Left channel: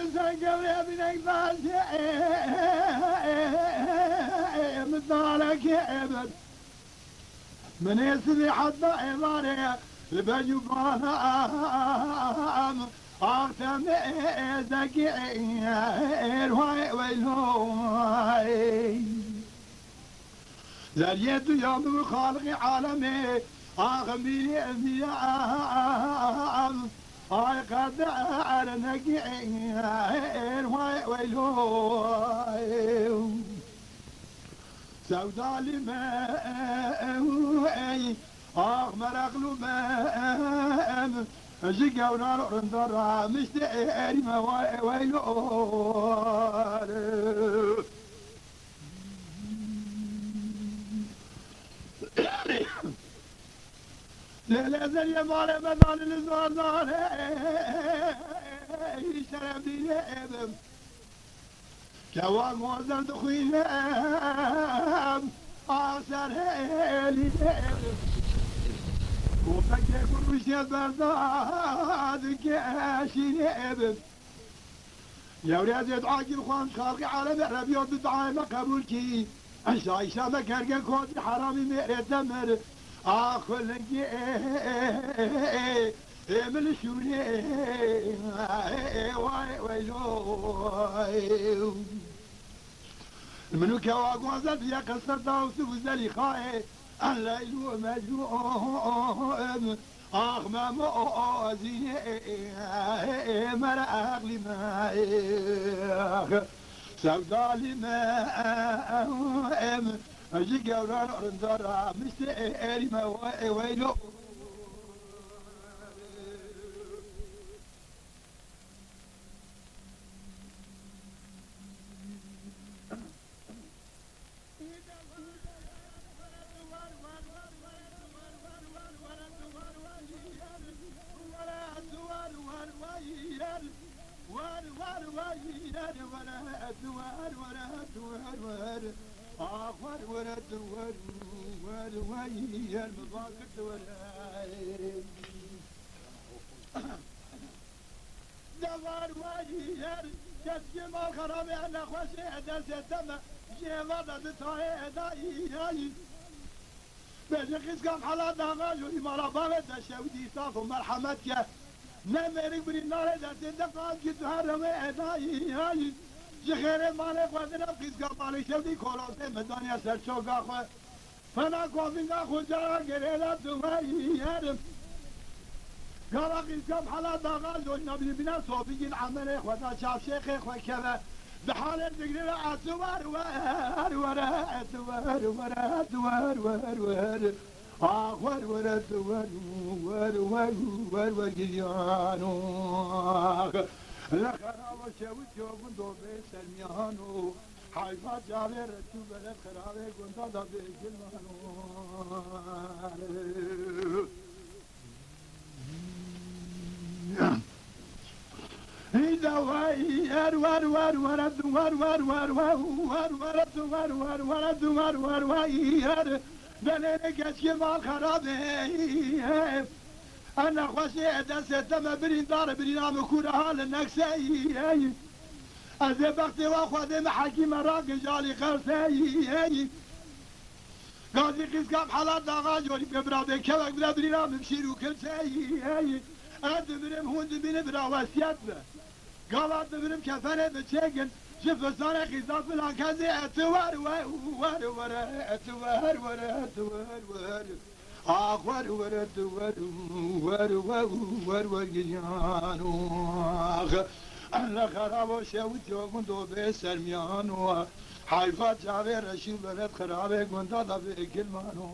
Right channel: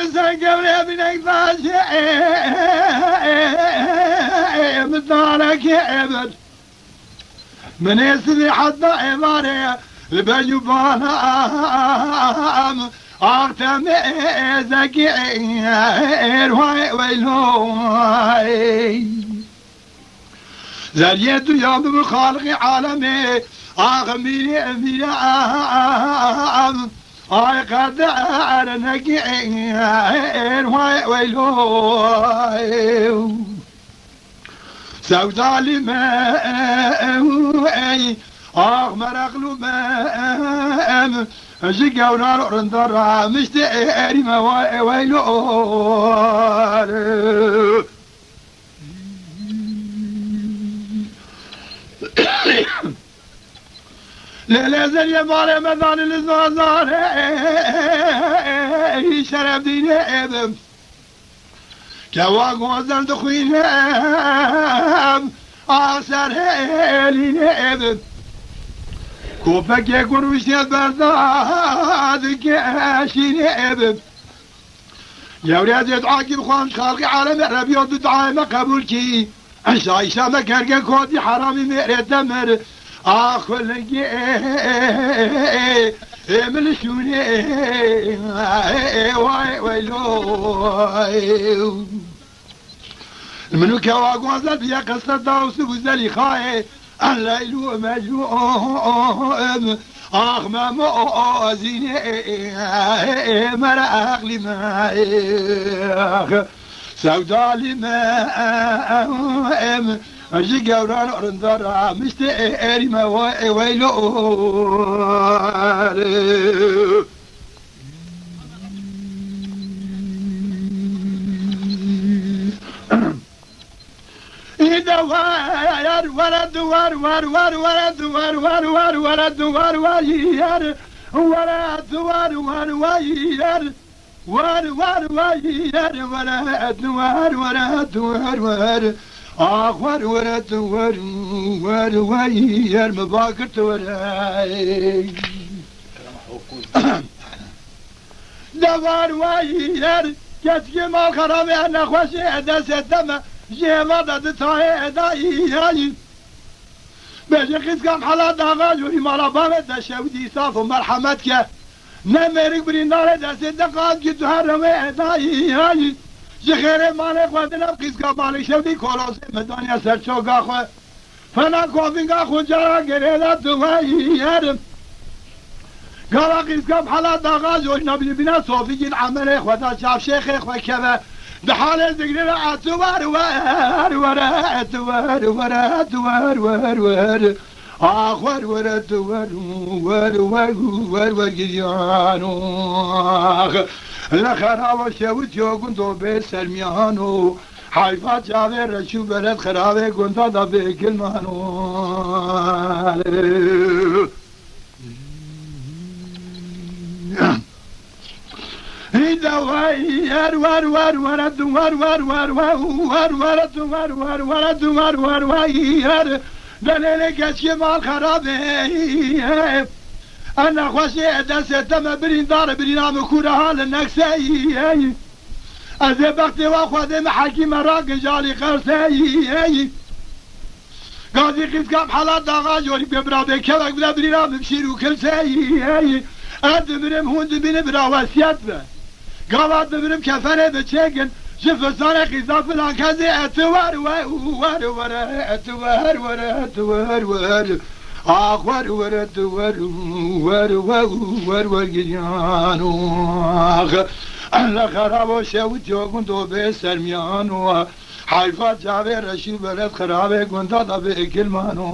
إنسان قبل بنك باشي مثالك عبد من يسمي حتى عباري بجبانا أختم زكير ويلوي زريت يوم بخالق عالمي أغمي أميام قد نكير ويلوي سوداء لما مرق لما جيكا ونار رندرا مشتري ما ويلوار لا زال يا مال مدان الزازار شرب دين ابم كوا غوزن دخوين اثر لين ابم كوفك يكون وشيت برداد كاشين ابم يا ولاد يدعاكي خوان خالقي عالم ربيض دعاء ما قبول كي عيشة ما كرقا كودي حرامي ميري دمر اخل من شوني ويلو منو كواغوزا بيا قصة داوس وزلي خاي الليل مجوم ما موازيني مرا اغلي ما سوداء لما أجي قوران أرندرا مشتري ما ويلو إذا ولد ور آخر ورد وير مباكرت وراي دوار وير كتكي ما خرامي أنا خوشي دست دم جيما دد تاي داي بيجي قيس كام حالات داغال وري مالا بامت دشودي صاف ومرحمتك نمرك برينار دست دقات جدو هرمي داي جخير مالك ودنا قيسكا مالك شودي كولوسي مدانيا سرچوغا خو فنا كوفينغا خو جارا گريلا دوائير قالا قيسكا بحالا داغا جوش نبي بنا صوفيين عمله خدا شاف شيخ خو كذا بحال الذكر اتوار ور آخر ورد ور گریانو لخراب شود جوگون دو به سرمیانو حیفت جاوه رشو برد خرابه گنده دا به کلمانو دوائر ور وير دليل كشي مال خرابه انا خوشي دست دم برين دار برينام كوره حال النكسي از وقت واخذ حكيم راق جالي قرسي قاضي قيس كام حالات داغا جولي ببرا بكبك بلا برينام بشيرو كلسي ادمرم هوند بين برا وسيات قالت ببرم كفنه بتشيكن شوف صار قيزاف فلان كذي اتوار ور آخر ور گریانو الله خراب شود جوگون دو به سرمیانو حیفت جاوه رشی برد خرابه گنده دا به کلمانو